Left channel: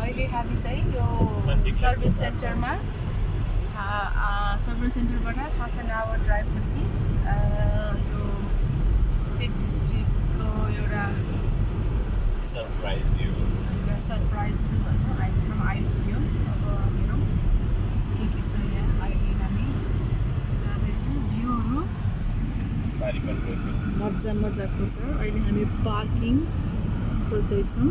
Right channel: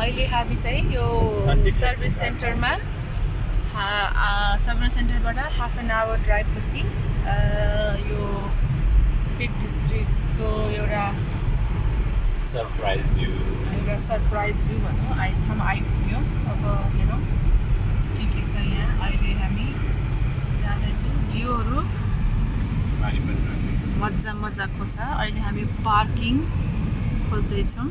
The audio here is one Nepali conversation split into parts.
अहिले हामी चाहिँ यो सर्भिस सेन्टरमा सर्भिस सेन्टरबाट हाफ एन आवर ड्राइभ पछि यो पिक डिस्ट्रिक्टको एउटा सरप्राइज भ्यू भनौँ ठाउँमा आइपुग्यो। अब हेरौँ के छ यहाँ। अहिले हामी जाँदैछौँ। भ्यूहरू मजाको छ। अहिले हामी पार्किङ खोज्दैछौँ।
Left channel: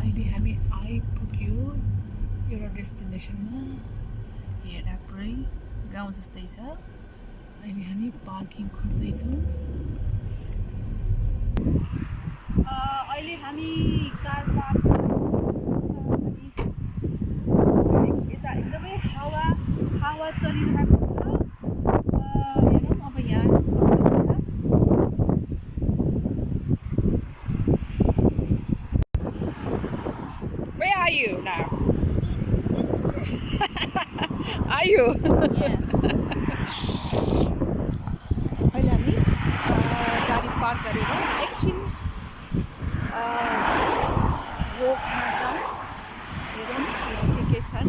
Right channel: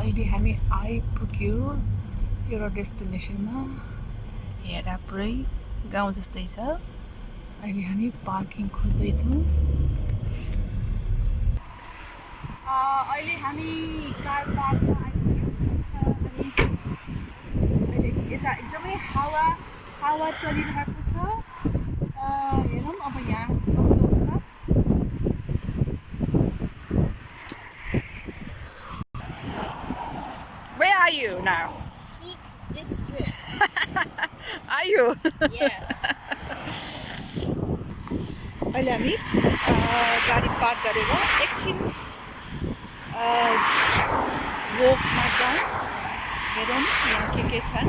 अहिले हामी आइपुग्यो एउटा डेस्टिनेसनमा। हेर्दा पुरै गाउँ जस्तै छ। अहिले हामी पार्किङ खोज्दैछौँ। अहिले हामी कार पार्कमा यता एकदमै हावा चलिरहेको छ। हेरौँ अब यहाँ कस्तो हुन्छ। Where are you now? Peak District. Are you? Yes. अहिले हामी गाडी पार्क गरेर एकछिन वकमा जाउँ। हेरौँ यहाँ के छन्।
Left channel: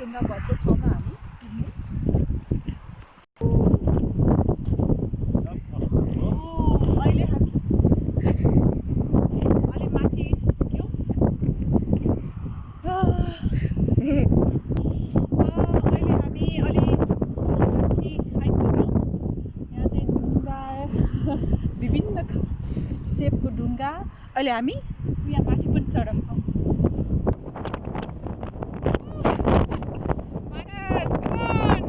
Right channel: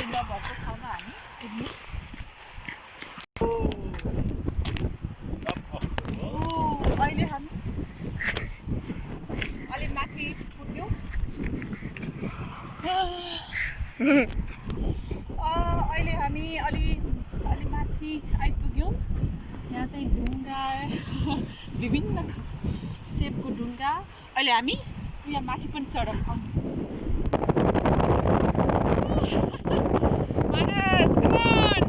ढुङ्गा भएको ठाउँमा हामी पुग्नु। अहिले हामी अलिक माथि पुग्यौँ। अहिले हामी अलि माथि आइपुग्यौँ। यहाँ चाहिँ ढुङ्गा विभिन्न सेपको ढुङ्गा। अहिले हामी यहाँ माथि पनि चढौँ। Manas, come on!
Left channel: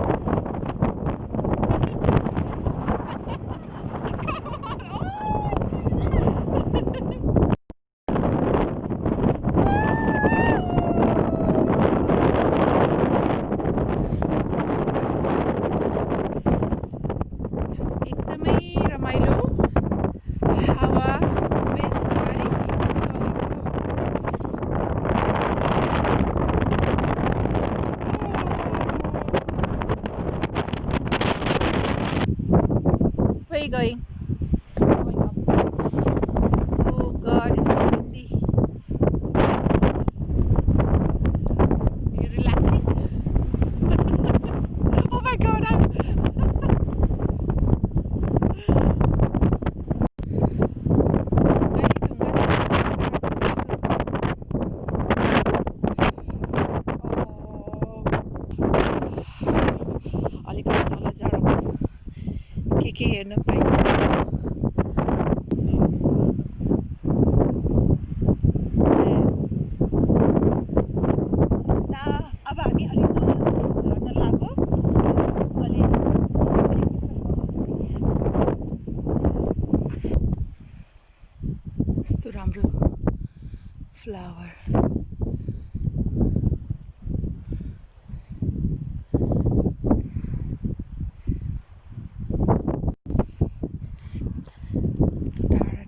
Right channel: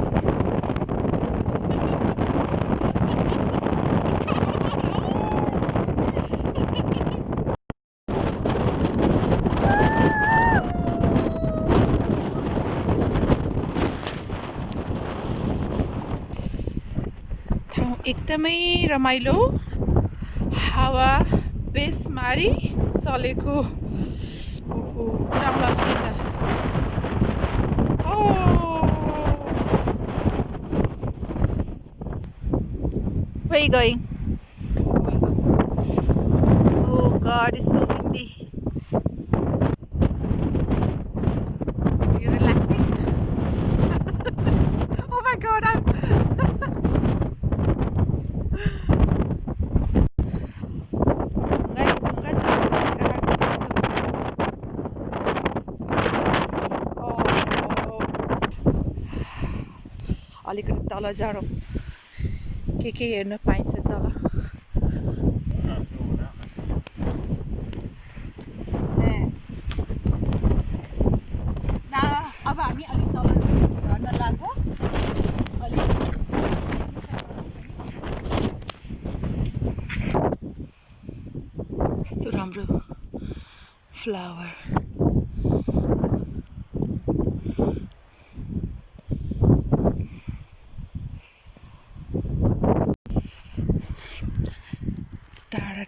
ठाउँ एकदमै रमाइलो, हावा बेसमारी चलेको ठाउँ जस्तै छ। Where are you going? Oh God, it's so windy. Are you relaxing? Oh my God, I'm... अलिकति तल झरौँ के हेर्न पाइन्छ। अब हामी अलिक तल झर्न लाग्यो। यस्तो राम्रो फ्लावर।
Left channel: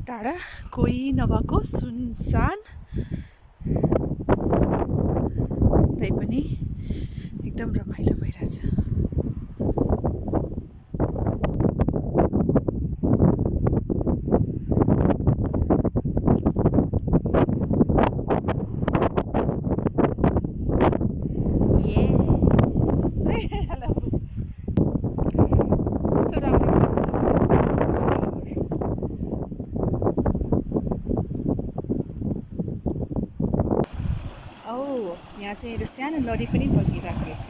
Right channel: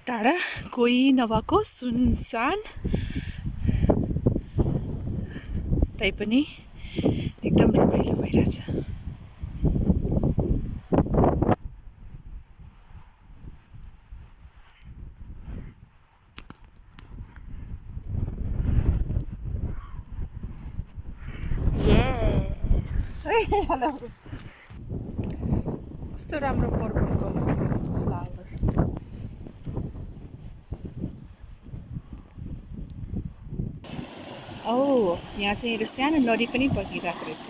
टाढा कोही नभएको सुनसान, तैपनि एकदम रमाइलो भइरहेछ। हेलो, कस्तो राम्रो यहाँ चाहिँ एउटा सानो नदी पनि बगिरहेको रहेछ।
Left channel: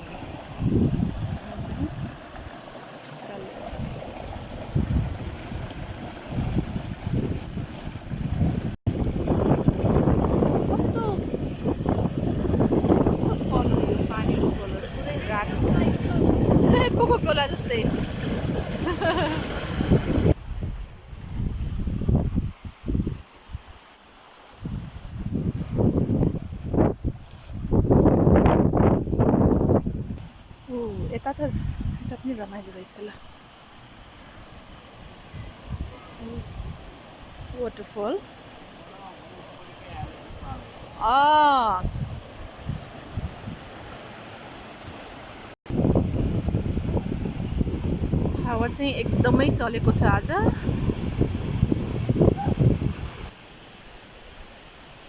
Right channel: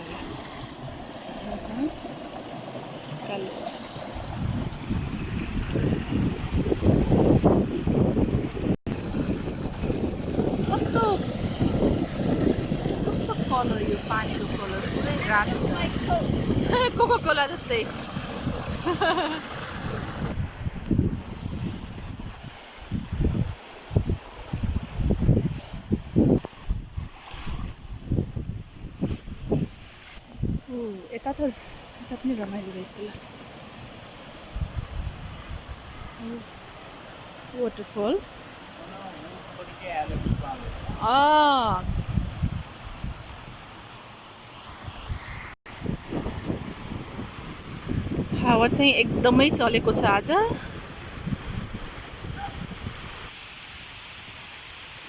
कस्तो कलर यो पानीको कलर पुरै रातो छ। कोको कोला जस्तै। यता त यता पनि रमाइलो रहेछ ल वाटरफल हावा चाहिँ एकदमै चलेको छ आज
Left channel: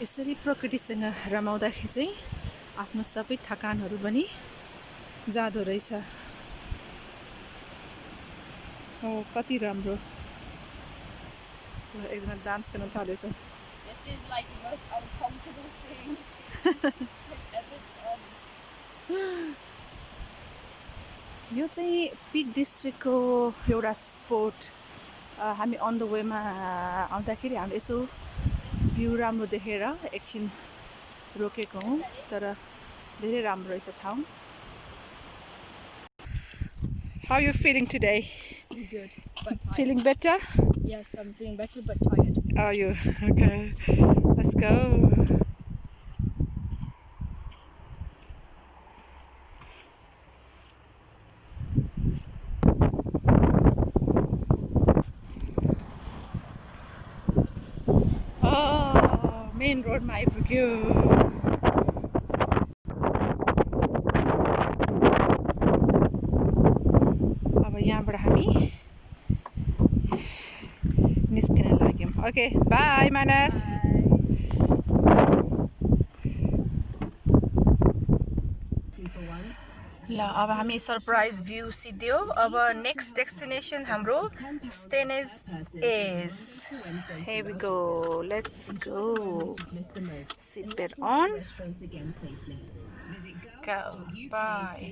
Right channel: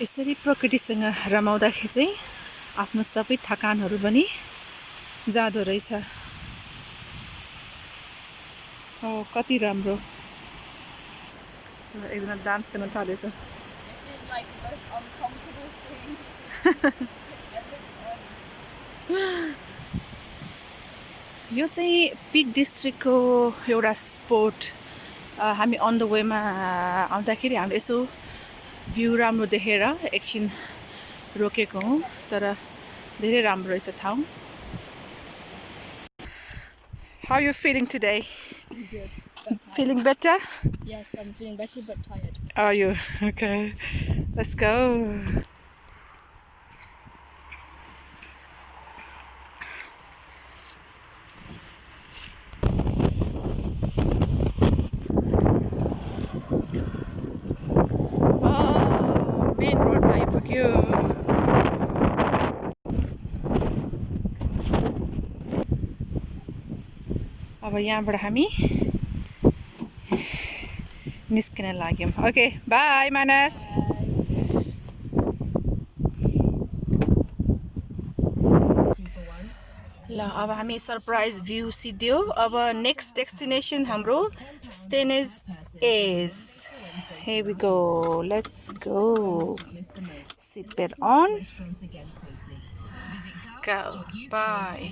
यसरी प्रकृतिसँग रमाउँदाखेरि चाहिँ आफ्नो सबै थकानहरू पनि जाँदो रहेछ हो कति राम्रो ल एकजना डान्स गर्न थालेछ This is like the most uncomfortable thing ever done. यो चाहिँ पिक डिस्ट्रिक्टको एउटा स्पोट हामी अन द वेमा आउँदाखेरि हामीले यसो भ्यू राम्रो देखेर एकछिन रोकेको हौँ तर धेरै राम्रो रहेछ ठाउँ How are you feeling today? Good, but tired. Feeling better? Yes, I'm feeling better, but tired. Are you? Okay. Let's go. Oh, main road मा आइपुग्यो अब यहाँबाट हामी निस्किन लाग्यौँ ओके बाई मानस ल अब हामी सरप्राइज भ्यू सिद्धियो अब नेक्स्ट डेस्टिनेसन हाम्रो स्टेनेज as here we go let's go seatbelt on go bye